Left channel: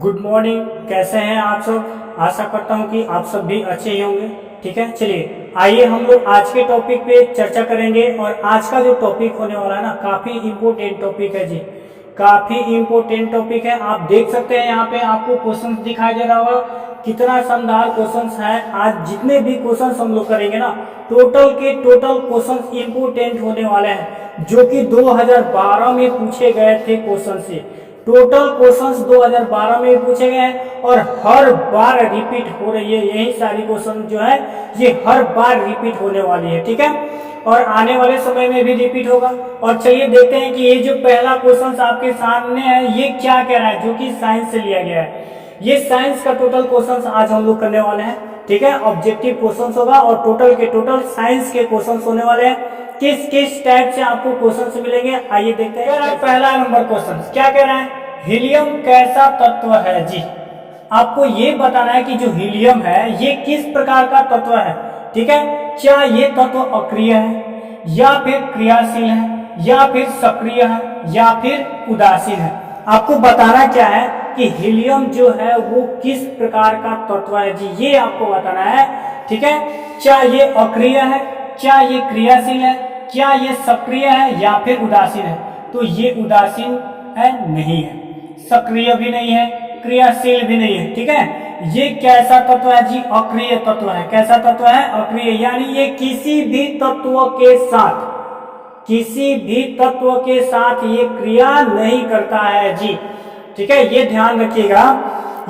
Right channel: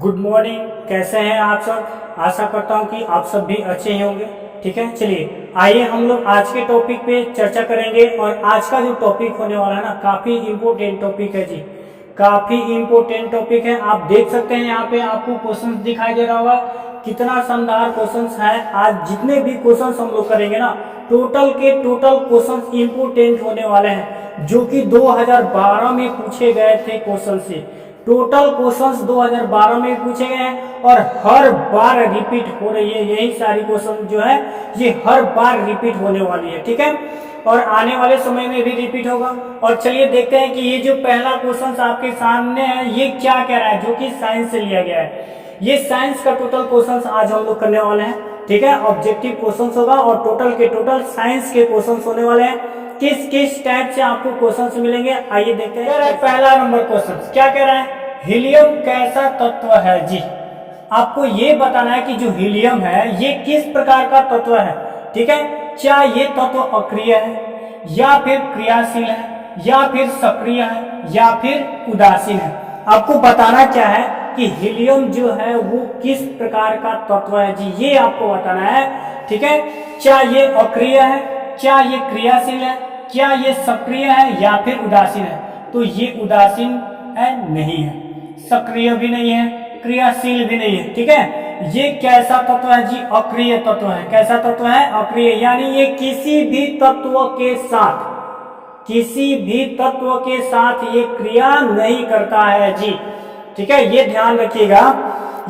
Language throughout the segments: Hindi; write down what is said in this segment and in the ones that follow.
Good morning. कैसे हैं आप सब? आशा करता हूं कि आप सब भी अच्छे ही होंगे। ठीक है, चलिए आइए हम लोग आज के टॉपिक पे चर्चा करेंगे। और आज का जो टॉपिक होने वाला है ना, काफ़ी इम्पोर्टेंट टॉपिक है जी, काफ़ी इम्पोर्टेंट टॉपिक है। आप देख सकते हैं यहाँ पे आपको क्वेश्चन दिखाई दे रहा होगा, कितना शानदार क्वेश्चंस है। आज जितने भी क्वेश्चंस हम लोग करेंगे ना, टोटल के टोटल क्वेश्चंस इम्पोर्टेंट होने वाले हैं, जो कि 2012 में पूछे गए थे क्वेश्चन से। टोटल क्वेश्चंस 2012 में पूछे गए हैं और हर बार रिपीट हो रही है। यही सारी क्वेश्चन जो है ये हर बार रिपीट होने वाली है। ठीक है, और आने वाले समय में भी रिपीट होगा। और चलिए देखते हैं कि ये जो पहला क्वेश्चन आपके सामने है ये क्या कह रहा है, जो कि साइंस से लिया गया है। ये साइंस का टोटल क्वेश्चन आज हम लोग करने वाले हैं। ठीक है, ऑब्जेक्टिव क्वेश्चन होगा और टोटल के टोटल साइंस के क्वेश्चन होने वाले हैं। किस किस टाइप से आपको क्वेश्चंस मिलेंगे, आइए देखते हैं। पहला नंबर क्वेश्चन क्या कह रहा है, हीलियम कैसा तत्व है जी। आपको ये बताना है कि जो हीलियम है ये किस प्रकार का तत्व है। ठीक है, क्या ये तत्व अक्रिय है या फिर क्रियाशील है या फिर सक्रिय है या फिर उदासीन है। आपको बताना क्या है कि हीलियम जो है वो किस प्रकार का तत्व है जी, ये आपको बताना है। ठीक है, क्या ये अक्रिय है, क्या ये क्रियाशील है, क्या ये सक्रिय है या फिर उदासीन है। तो ये उदासीन है, नहीं है, सक्रिय भी नहीं है, क्रियाशील भी नहीं है। ठीक है, ये कैसा तत्व है जी, अक्रिय तत्व है। कैसा तत्व है, अक्रिय, यानी ये किसी भी तत्व के साथ, किसी भी तत्व के साथ ये क्रिया नहीं करता है जी। ठीक है, ये ध्यान रखिएगा,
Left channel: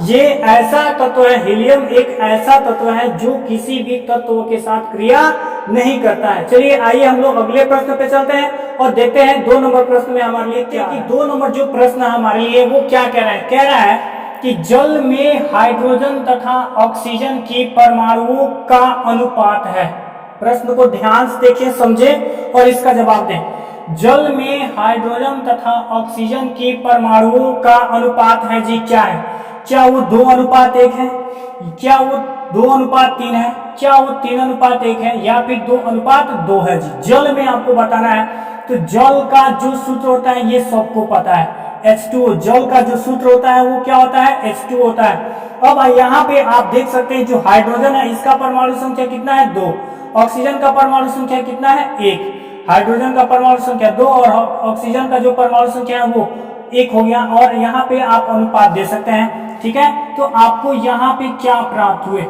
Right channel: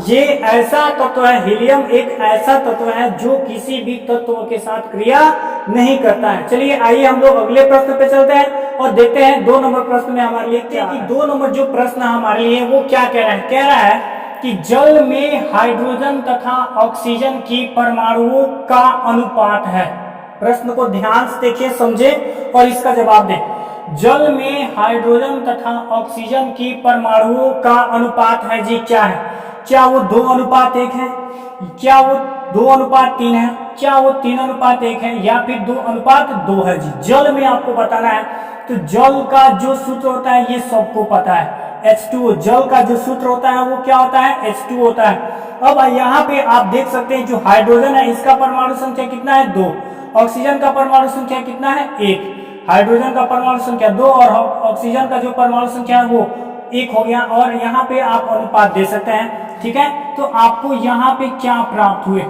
ये ऐसा तत्व है, हीलियम एक ऐसा तत्व है जो किसी भी तत्व के साथ क्रिया नहीं करता है। चलिए आइए हम लोग अगले प्रश्न पे चलते हैं और देखते हैं 2 नंबर प्रश्न में हमारे लिए क्या है। 2 नंबर जो प्रश्न हमारे लिए वो क्या कह रहा है, कह रहा है कि जल में हाइड्रोजन तथा ऑक्सीजन की परमाणुओं का अनुपात है। प्रश्न को ध्यान से देखिए, समझे और इसका जवाब दें। जल में हाइड्रोजन तथा ऑक्सीजन की परमाणुओं का अनुपात है जी, क्या है? क्या वो 2:1 है, क्या वो 2:3 है, क्या वो 3:1 है या फिर 2:2 है जी। जल में आपको बताना है, तो जल का जो सूत्र होता है ये सबको पता है, H2O। जल का जो सूत्र होता है वो क्या होता है, H2O होता है। अब यहाँ पे आप देख सकते हैं जो हाइड्रोजन है इसका परमाणु संख्या कितना है, 2। ऑक्सीजन का परमाणु संख्या कितना है, 1। हाइड्रोजन का परमाणु संख्या 2 और ऑक्सीजन का जो परमाणु संख्या है वो 1 हो गया। और यहाँ पे आप अनुपात दे सकते हैं। ठीक है, तो आपको यहाँ पे क्या प्राप्त हुए,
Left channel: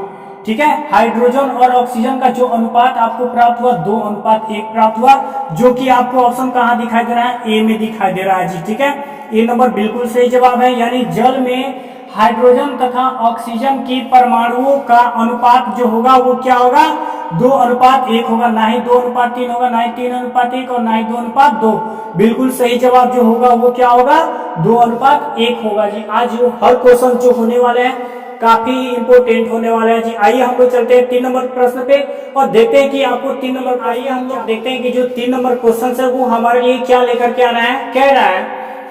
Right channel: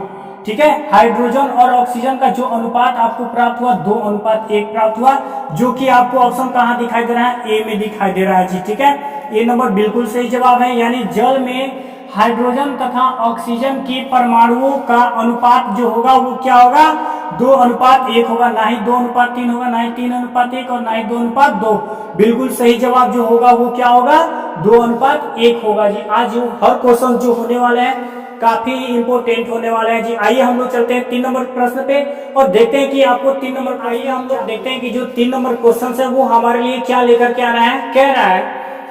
ठीक है, हाइड्रोजन और ऑक्सीजन का जो अनुपात आपको प्राप्त हुआ 2:1 प्राप्त हुआ, जो कि आपको ऑप्शन कहाँ दिखाई दे रहा है, ए में दिखाई दे रहा है जी। ठीक है, ये नंबर बिल्कुल सही जवाब है, यानी जल में हाइड्रोजन तथा ऑक्सीजन की परमाणुओं का अनुपात जो होगा वो क्या होगा, 2:1 होगा, ना ही 2:3 होगा, ना ही 3:1 और ना ही 2:2। बिल्कुल सही जवाब जो होगा वो क्या होगा, 2:1 होगा जी। आज जो हर क्वेश्चन जो होने वाले हैं काफी इंपोर्टेंट होने वाले हैं जी। आइए हम लोग चलते हैं 3 नंबर प्रश्न पे और देखते हैं कि आपको 3 नंबर, आइए हम लोग देखते हैं कि जो 3 नंबर क्वेश्चन है वो हमारे लिए क्या लेकर के आ रहा है। कह रहा है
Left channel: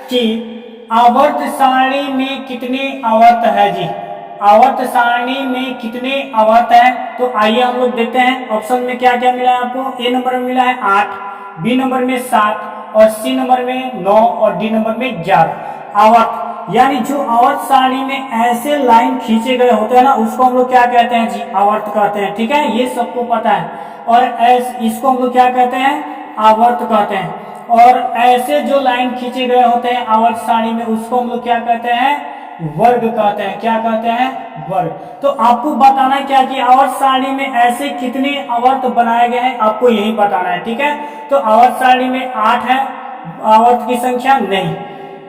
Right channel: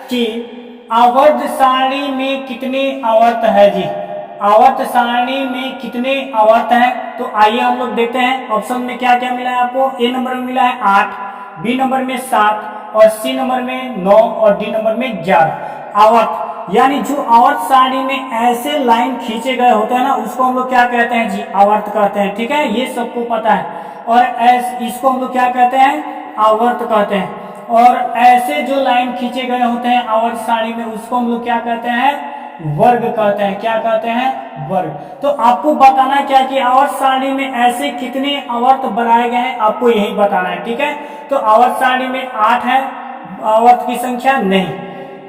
कि आवर्त सारणी में कितने आवर्त है जी, आवर्त सारणी में कितने आवर्त है। तो आइए हम लोग देखते हैं ऑप्शन में क्या क्या मिला है आपको। ए नंबर में मिला है 8, बी नंबर में 7 और सी नंबर में 9 और डी नंबर में 11 आवर्त। यानी जो आवर्त सारणी में ऐसे लाइन खींचे गए होते हैं ना, उसको हम लोग क्या कहते हैं जी, आवर्त कहते हैं। ठीक है, ये सबको पता है। और इसको हम लोग क्या कहते हैं, आवर्त कहते हैं। और ऐसे जो लाइन खींचे गए होते हैं आवर्त सारणी में, उसको हम लोग क्या कहते हैं, वर्ग कहते हैं। क्या कहते हैं, वर्ग। तो आपको बताना क्या कि आवर्त सारणी में ऐसे कितने आवर्त बनाए गए हैं, आपको यही बताना है। ठीक है, तो आवर्त सारणी में 8 है आवर्त की संख्या, नहीं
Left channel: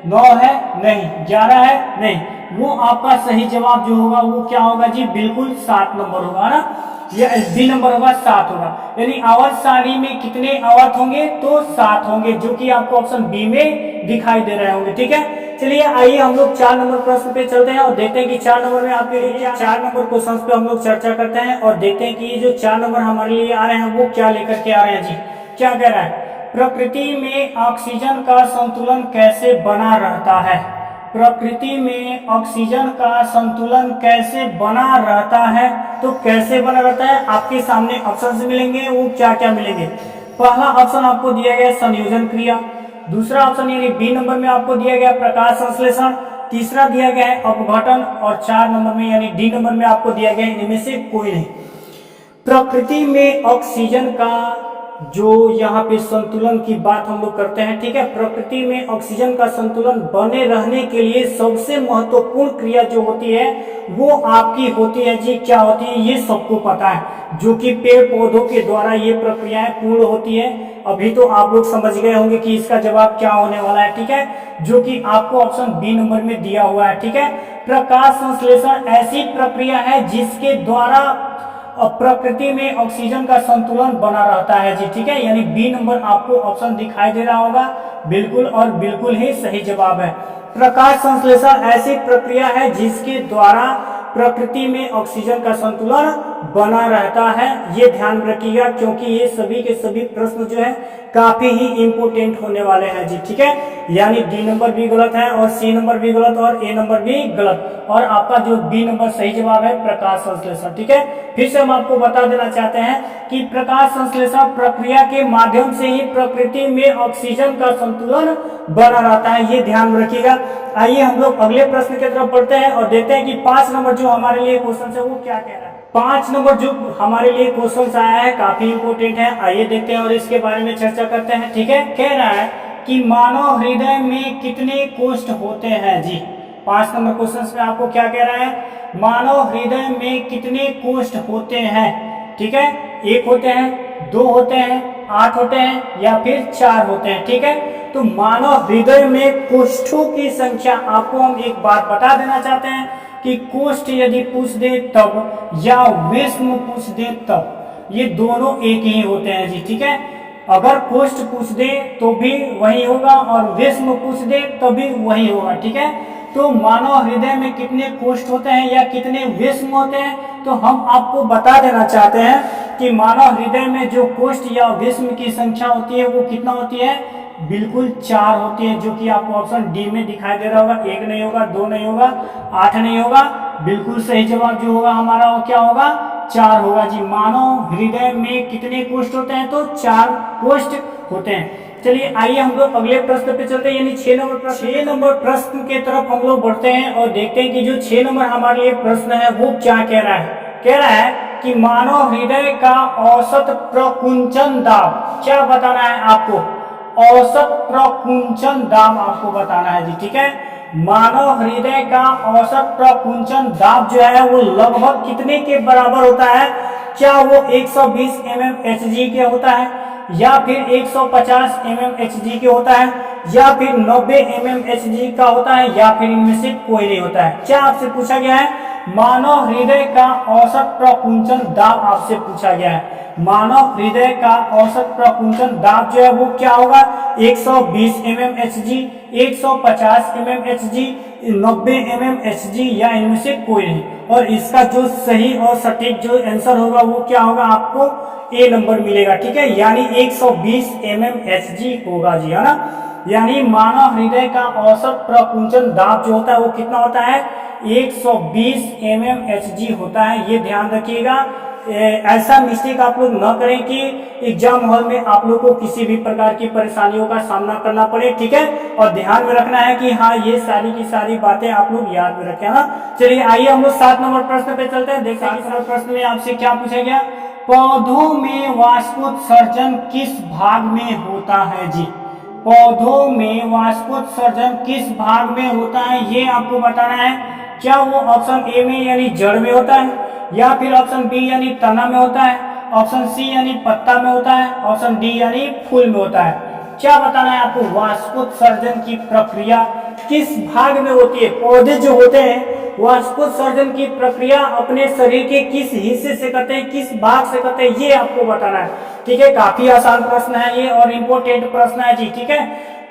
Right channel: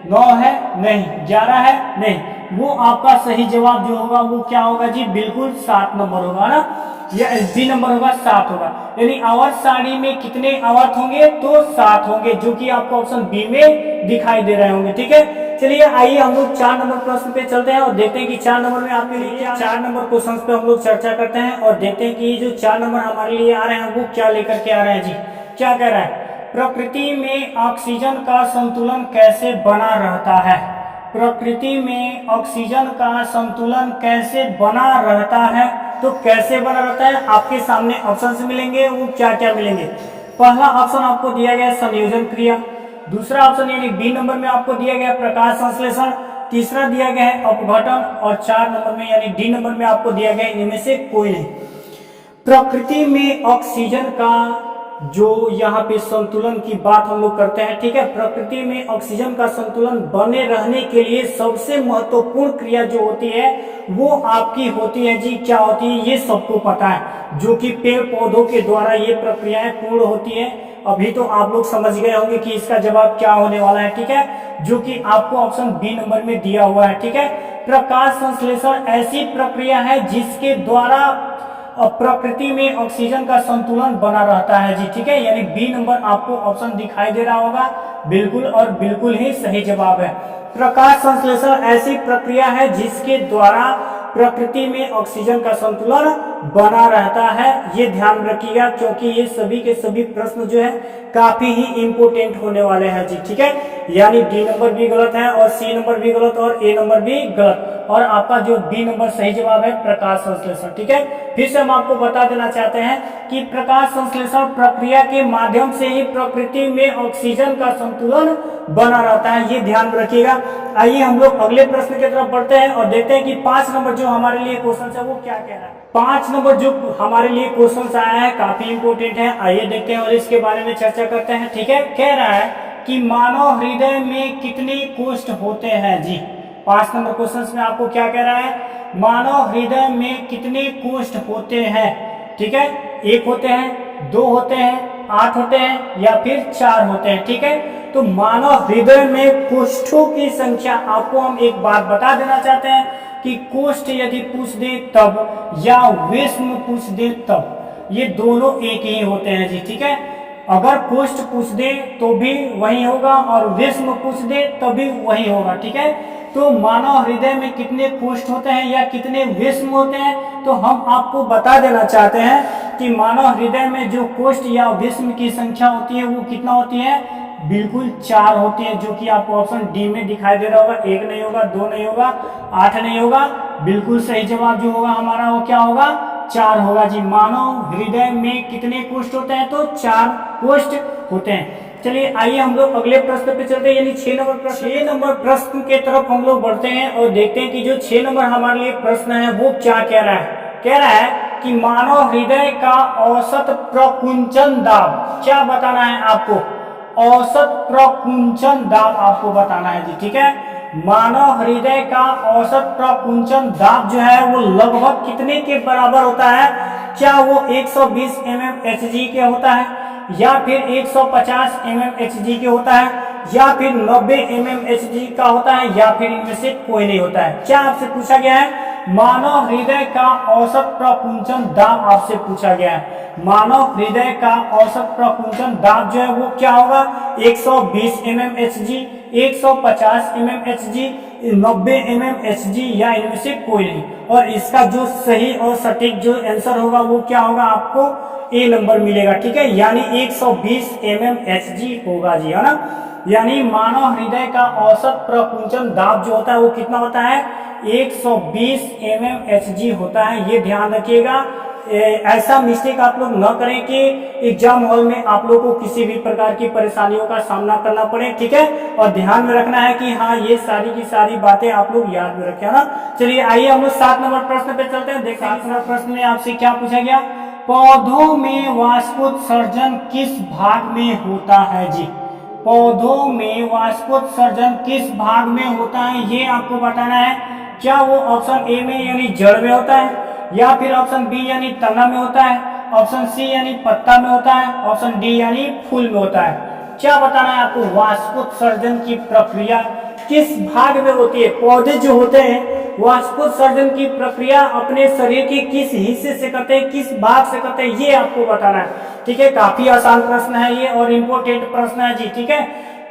9 है, नहीं 11 है, नहीं। वो आपका सही जवाब जो होगा वो क्या होगा जी, बिल्कुल 7 नंबर होगा ना, या बी नंबर होगा, 7 होगा। यानी आवर्त सारणी में कितने आवर्त होंगे, तो 7 होंगे, जो कि आपको ऑप्शन बी में दिखाई दे रहे होंगे। ठीक है, चलिए आइए हम लोग 4 नंबर प्रश्न पे चलते हैं और देखते हैं कि 4 नंबर में आपके लिए क्या, 4 नंबर क्वेश्चन पे हम लोग चर्चा करते हैं और देखते हैं कि जो 4 नंबर हमारे लिए आ रहे हैं वो क्या लेकर के आ रहे हैं जी। क्या कह रहा है, प्रकृति में ऑक्सीजन का संतुलन कैसे बना रहता है। प्रकृति में ऑक्सीजन का संतुलन कैसे बना रहता है, तो कैसे बना रहता है आपके सामने ऑप्शन मिलेंगे, वो क्या क्या मिलेंगे। पहला ऑप्शन आपको दिया गया संयोजन क्रिया, दूसरा ऑप्शन यानी बी नंबर में आपको दिया गया प्रकाश संश्लेषण, तीसरा दिया गया है अपघटन, और 4 नंबर में यानी डी नंबर में आपको दिया गया है इनमें से कोई नहीं। प्रकृति में ऑक्सीजन का जो यहाँ पे संतुलन की बात हम लोग करते हैं, ठीक है। प्रकृति में ऑक्सीजन का संतुलन बने रहने के लिए सबसे महत्वपूर्ण क्रिया जो होती है वो आपकी होती है जी, क्या होती है ये सबको पता है, जो कि पेड़ पौधों के द्वारा ये प्रक्रियाएं पूर्ण होती है। अभी तो आप लोग समझ गए होंगे कि इसका जवाब क्या होने वाला है, ठीक है, जो कि आपको ऑप्शन बी नंबर में दिया हुआ है, ठीक है। प्रकाश संश्लेषण ऐसी प्रक्रिया है जिसके द्वारा प्रकृति में ऑक्सीजन का संतुलन बना रहता है जी, ठीक है। यानी बी नंबर आपको ऑप्शन दिखाई दे रहा होगा, बिल्कुल और बिल्कुल ही सही जवाब है। प्रकाश संश्लेषण ऐसी प्रक्रिया है जिसके द्वारा प्रकृति में ऑक्सीजन का संतुलन बना रहता है, ये ध्यान रखिएगा, क्योंकि ये सभी के सभी प्रश्न जो है काफी ही इंपोर्टेंट होने वाले हैं जी, ठीक है। यानी डी नंबर भी गलत है और सी नंबर भी गलत और ए नंबर भी गलत, और आपका जो बी नंबर सही जवाब है प्रकाश संश्लेषण, ठीक है। फिर से हम आपको बता देना चाहते हैं कि प्रकाश संश्लेषण प्रक्रिया के माध्यम से ही प्रकृति में ऑक्सीजन का संतुलन बना रहता है, ये ध्यान रखिएगा। आइए हम लोग अगले प्रश्न की तरफ बढ़ते हैं और देखते हैं कि 5 नंबर जो हमारे लिए क्वेश्चन है वो क्या कह रहा है। 5 नंबर जो हमारे लिए क्वेश्चन आया है काफी इंपोर्टेंट है, आइए देखते हैं और इसके बारे में चर्चा करते हैं, ठीक है। कह रहा है कि मानव हृदय में कितने कोष्ठ होते हैं जी। 5 नंबर क्वेश्चन में आपको क्या कह रहा है, मानव हृदय में कितने कोष्ठ होते हैं, ठीक है। 1 होते हैं, 2 होते हैं, 8 होते हैं या फिर 4 होते हैं, ठीक है। तो मानव हृदय में कोष्ठों की संख्या आपको हम एक बात बता देना चाहते हैं कि कोष्ठ यदि पूछ दे तब या विस्म पूछ दे तब, ये दोनों एक ही होते हैं जी, ठीक है। अगर कोष्ठ पूछ दे तो भी वही होगा और विस्म पूछ दे तब भी वही होगा, ठीक है। तो मानव हृदय में कितने कोष्ठ होते हैं या कितने विस्म होते हैं, तो हम आपको बता देना चाहते हैं कि मानव हृदय में जो कोष्ठ या विस्म की संख्या होती है वो कितना होती है, बिल्कुल 4 होती है, जो कि आपको ऑप्शन डी में दिखाई दे रहा होगा। 1 नहीं होगा, 2 नहीं होगा, 8 नहीं होगा, बिल्कुल सही जवाब जो होगा हमारा वो क्या होगा, 4 होगा जी। मानव हृदय में कितने कोष्ठ होते हैं, तो 4 कोष्ठ होते हैं। चलिए आइए हम लोग अगले प्रश्न पे चलते हैं, यानी 6 नंबर प्रश्न। 6 नंबर प्रश्न के तरफ हम लोग बढ़ते हैं और देखते हैं कि जो 6 नंबर हमारे लिए प्रश्न है वो क्या कह रहा है। कह रहा है कि मानव हृदय का औसत प्रकुंचन दाब, क्या बताना है आपको, औसत प्रकुंचन दाब आपको बताना है जी, ठीक है। मानव हृदय का औसत प्रकुंचन दाब जो है वो लगभग कितने के बराबर होता है, क्या वो 120 mmHg के होता है या फिर 150 mmHg के होता है या फिर 90 mmHg का होता है या फिर इनमें से कोई नहीं होता है। क्या आपसे पूछा गया है, मानव हृदय का औसत प्रकुंचन दाब आपसे पूछा गया है। मानव हृदय का औसत प्रकुंचन दाब जो है वो क्या होगा, 120 mmHg, 150 mmHg, 90 mmHg या इनमें से कोई नहीं। और इसका जो सही और सटीक जो आंसर होगा वो क्या होगा, आपको ए नंबर मिलेगा, ठीक है। यानी 120 mmHg होगा जी, है ना। यानी मानव हृदय का औसत प्रकुंचन दाब जो होता है वो कितना होता है, 120 mmHg होता है, ये ध्यान रखिएगा। ऐसा मिस्टेक आप लोग न करें कि एग्जाम हॉल में आप लोग को किसी भी प्रकार की परेशानियों का सामना करना पड़े, ठीक है। और ध्यान में रखना है कि हाँ ये सारी की सारी बातें आप लोग याद में रखें, है ना। चलिए आइए हम लोग 7 नंबर प्रश्न पे चलते हैं। देखते हैं 7 नंबर प्रश्न में आपसे क्या पूछा गया, पौधों में वाष्पोत्सर्जन किस भाग में होता है जी। पौधों में वाष्पोत्सर्जन किस भाग में होता है ये आपको बताना है। क्या वो ऑप्शन ए में यानी जड़ में होता है, या फिर ऑप्शन बी यानी तना में होता है, ऑप्शन सी यानी पत्ता में होता है, ऑप्शन डी यानी फूल में होता है। क्या बताना है आपको, वाष्पोत्सर्जन की प्रक्रिया किस भाग में होती है। पौधे जो होते हैं वाष्पोत्सर्जन की प्रक्रिया अपने शरीर के किस हिस्से से करते हैं, किस भाग से करते हैं, ये आपको बताना है, ठीक है। काफी आसान प्रश्न है ये और इम्पोर्टेंट प्रश्न है जी, ठीक है।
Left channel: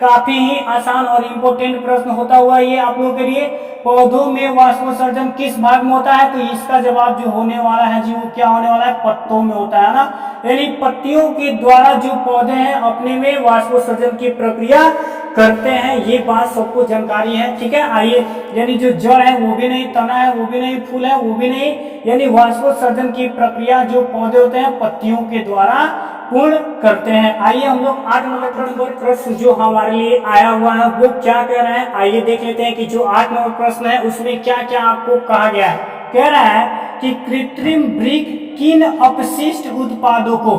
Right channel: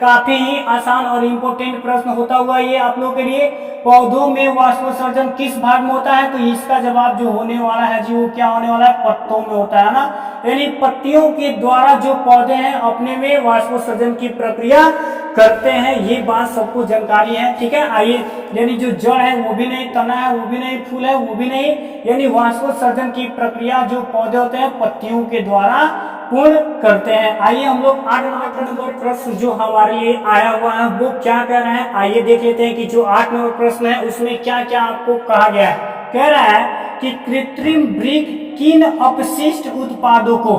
काफी ही आसान और इम्पोर्टेंट प्रश्न होता हुआ ये आप लोगों के लिए। पौधों में वाष्पोत्सर्जन किस भाग में होता है, तो इसका जवाब जो होने वाला है जी वो क्या होने वाला है, पत्तों में होता है ना। यानी पत्तियों के द्वारा जो पौधे हैं अपने में वाष्पोत्सर्जन की प्रक्रिया करते हैं, ये बात सबको जानकारी है, ठीक है। आइए, यानी जो जड़ है वो भी नहीं, तना है वो भी नहीं, फूल है वो भी नहीं, यानी वाष्पोत्सर्जन की प्रक्रिया जो पौधे होते हैं पत्तियों के द्वारा पूर्ण करते हैं। आइए हम लोग 8 नंबर प्रश्न जो हमारे लिए आया हुआ है वो क्या कह रहे हैं, आइए देख लेते हैं कि जो 8 नंबर प्रश्न है उसमें क्या क्या आपको कहा गया है। कह रहा है कि कृत्रिम वृक्क किन अपशिष्ट उत्पादों को,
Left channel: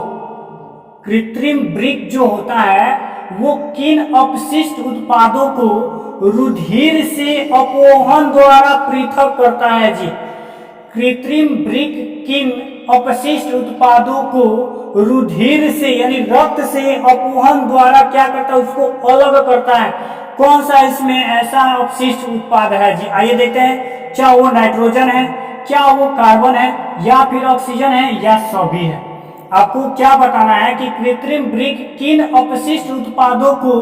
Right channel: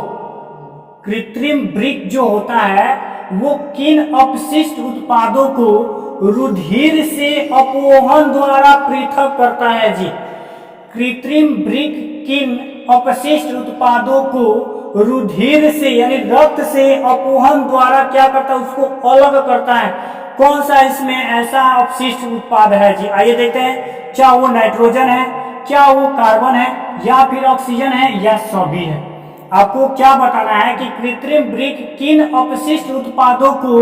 कृत्रिम वृक्क जो होता है वो किन अपशिष्ट उत्पादों को रुधिर से अपोहन द्वारा पृथक करता है जी। कृत्रिम वृक्क किन अपशिष्ट उत्पादों को रुधिर से यानी रक्त से अपोहन द्वारा क्या करता है, उसको अलग करता है। कौन सा इसमें ऐसा अपशिष्ट उत्पाद है जी, आइए देखते हैं। क्या वो नाइट्रोजन है, क्या वो कार्बन है, या फिर ऑक्सीजन है, या सभी है। आपको क्या बताना है कि कृत्रिम वृक्क किन अपशिष्ट उत्पादों को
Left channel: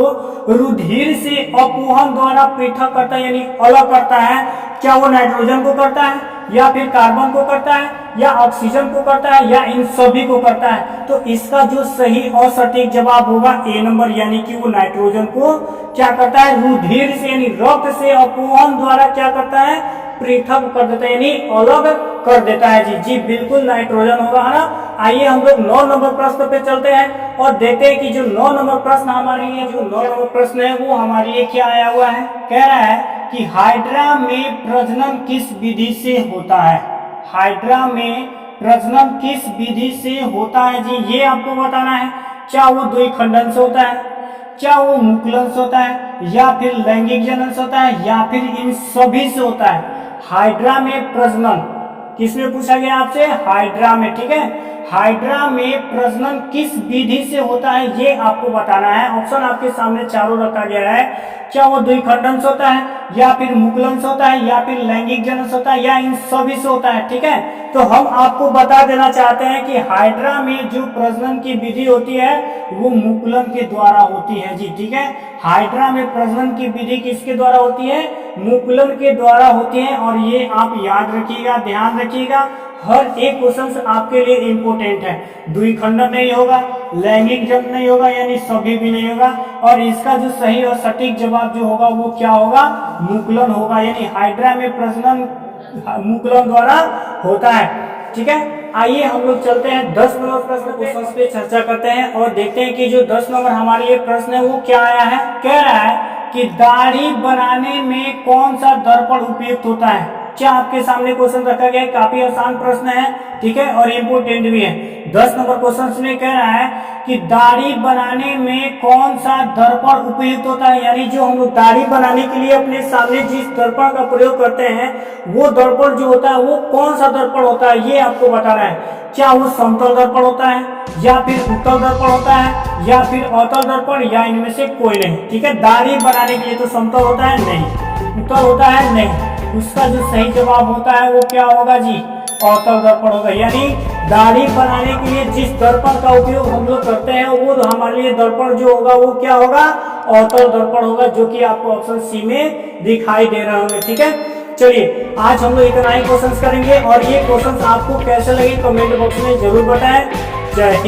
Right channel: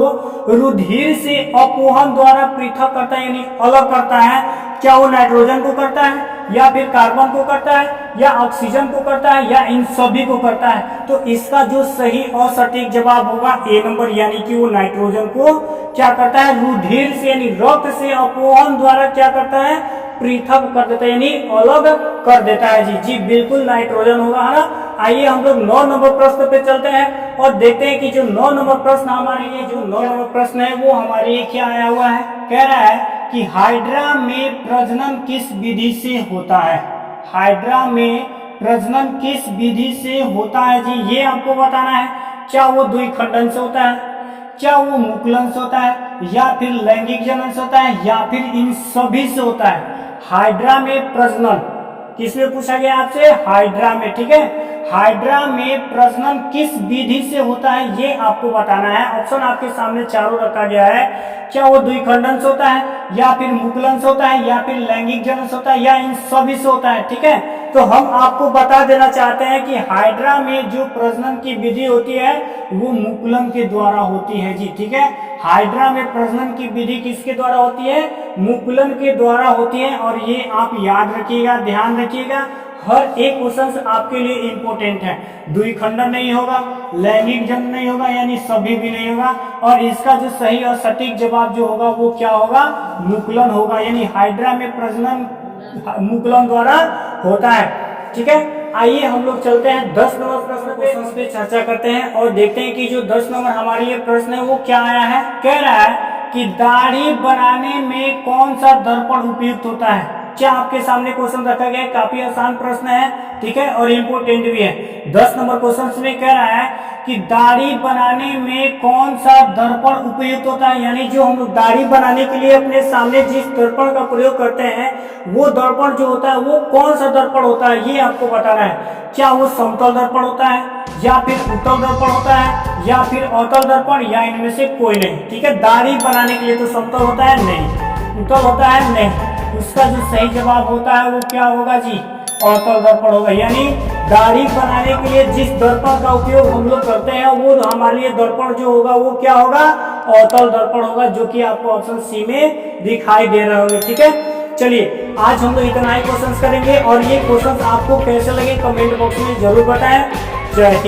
रुधिर से अपोहन द्वारा पृथक करता है यानी अलग करता है। क्या वो नाइट्रोजन को करता है, या फिर कार्बन को करता है, या ऑक्सीजन को करता है, या इन सभी को करता है। तो इसका जो सही और सटीक जवाब होगा ए नंबर, यानी कि वो नाइट्रोजन को क्या करता है, रुधिर से यानी रक्त से अपोहन द्वारा क्या करता है, पृथक कर देता है यानी अलग कर देता है जी। जी बिल्कुल नाइट्रोजन होगा, है ना। आइए हम लोग 9 नंबर प्रश्न पे चलते हैं और देखते हैं कि जो 9 नंबर प्रश्न हमारे लिए, जो 9 नंबर प्रश्न है वो हमारे लिए क्या आया हुआ है। कह रहा है कि हाइड्रा में प्रजनन किस विधि से होता है। हाइड्रा में प्रजनन किस विधि से होता है जी, ये आपको बताना है। क्या वो द्विखंडन से होता है, क्या वो मुकुलन से होता है, या फिर लैंगिक जनन से होता है, या फिर इन सभी से होता है। हाइड्रा में प्रजनन किसमें पूछा गया आपसे, हाइड्रा में, ठीक है। हाइड्रा में प्रजनन किस विधि से होता है ये आपको बताना है। ऑप्शन आपके सामने चारों रखा गया है। क्या वो द्विखंडन से होता है, या फिर मुकुलन से होता है, या फिर लैंगिक जनन से होता है, या इन सभी से होता है, ठीक है। तो हम आपको बता देना चाहते हैं कि हाइड्रा में जो प्रजनन की विधि होती है वो मुकुलन के द्वारा होती है जी, ठीक है। हाइड्रा में प्रजनन की विधि किसके द्वारा होती है, मुकुलन के द्वारा होती है। और ये आप याद रखिएगा, ध्यान रखिएगा, हर एक क्वेश्चन आपके लिए इंपॉर्टेंट है। द्विखंडन नहीं होगा, लैंगिक जनन नहीं होगा, यानी सभी भी नहीं होगा। और इसका जो सही और सटीक जवाब जो होगा वो क्या होगा, मुकुलन होगा। यानी हाइड्रा में प्रजनन मुकुलन द्वारा होता है, ठीक है। आइए हम लोग चलते हैं 10 नंबर प्रश्न पे चर्चा करते हैं और देखते हैं कि जो 10 नंबर हमारे लिए प्रश्न है वो क्या आया है। कह रहा है कि दाढ़ी बनाने में कौन सा दर्पण उपयुक्त होता है। क्या आपके सामने क्वेश्चन रखा गया है, काफी आसान प्रश्न है, ठीक है, और इम्पोर्टेंट भी है। 10 नंबर क्वेश्चन में कह रहा है कि दाढ़ी बनाने में कौन सा दर्पण उपयुक्त होता है। यानी जो हम लोग दाढ़ी बनाने के लिए अपने सामने जिस दर्पण का प्रयोग करते हैं वो दर्पण जो होता है वो कौन सा दर्पण होता है ये आपको बताना है। क्या वो समतल दर्पण होता है, या फिर उत्तल दर्पण होता है, या फिर अवतल दर्पण, या इनमें से कोई नहीं, ठीक है। दाढ़ी बनाने के लिए तो समतल होता है नहीं, उत्तल होता है नहीं, उसका जो सही जवाब होता है वो क्या होगा जी, अवतल दर्पण होगा। यानी दाढ़ी बनाने के लिए जिस दर्पण का उपयोग हम लोग करते हैं वो हमारे लिए दर्पण जो होगा वो क्या होगा, अवतल दर्पण होगा, जो कि आपको ऑप्शन सी में दिखाई दे रहे होंगे, ठीक है। चलिए आज हम लोग इतना ही क्वेश्चंस करेंगे और ये क्वेश्चंस आपको कैसे लगे कमेंट बॉक्स में जरूर बताएं। जय हिंद।